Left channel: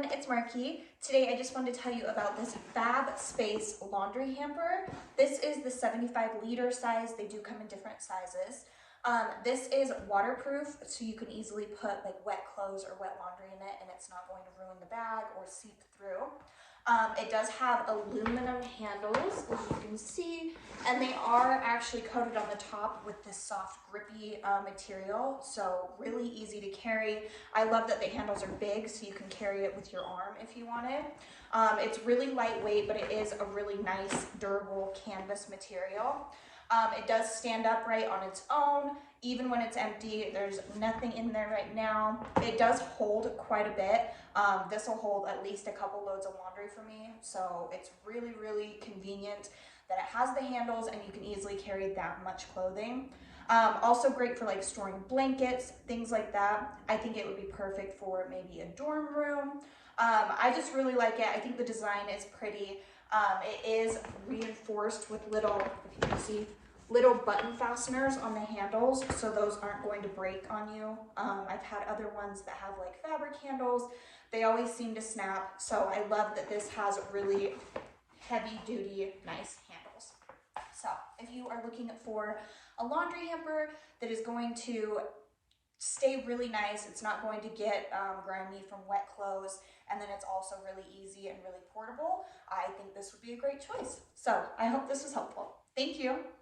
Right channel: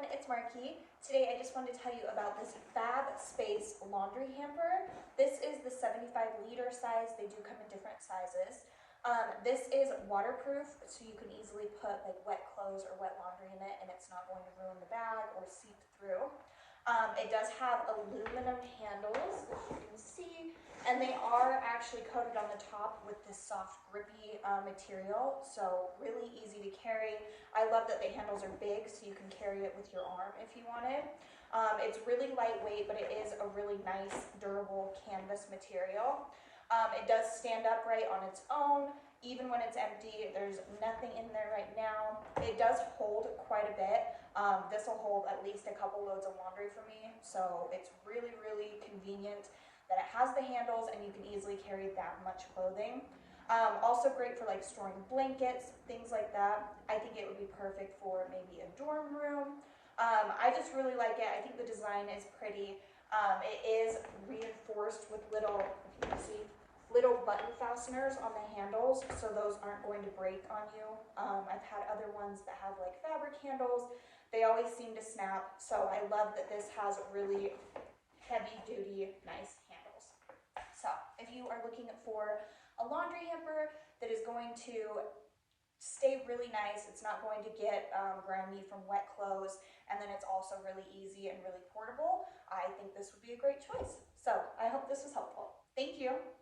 everyone, it's Marky. Today I just wanted to tell you about this Fab Space laundry hamper. This is the 75-liter size. They do come in different sizes. This is waterproof, so you can easily put like wet clothes or wet laundry in it and it's not going to ruin the bag or seep through. It does have aluminum handles, as you can see, and they are actually coated on the top with this soft, grippy material, so really easy to carry. I love that the handles are big, so you can carry it with your arm if you wanted. It's really lightweight, but it is a really nice, durable canvas material. It does stand upright on its own, even when it's empty. There's nothing in there right now. It does hold quite a bit. This will hold at least a couple loads of laundry for me, so it's really, really convenient that it has the handles and you can easily carry that much clothing. Also great for like storing blankets, things like that. I think it would be perfect for maybe a dorm room. I just really like it. I think the design is pretty. It is reinforced with little, if you can see, little button fasteners on the handles, so those aren't going to break on you. I've had other ones that have like fabric handles. They always seem to snap, so I love that this has really heavy duty, nice handles. So if you are looking for a laundry hamper that is going to stay really nice, it's not going to get grimy from wet clothes, and then it's also really easy and really portable, I think this would be a great choice. So I hope this was helpful. Thank you.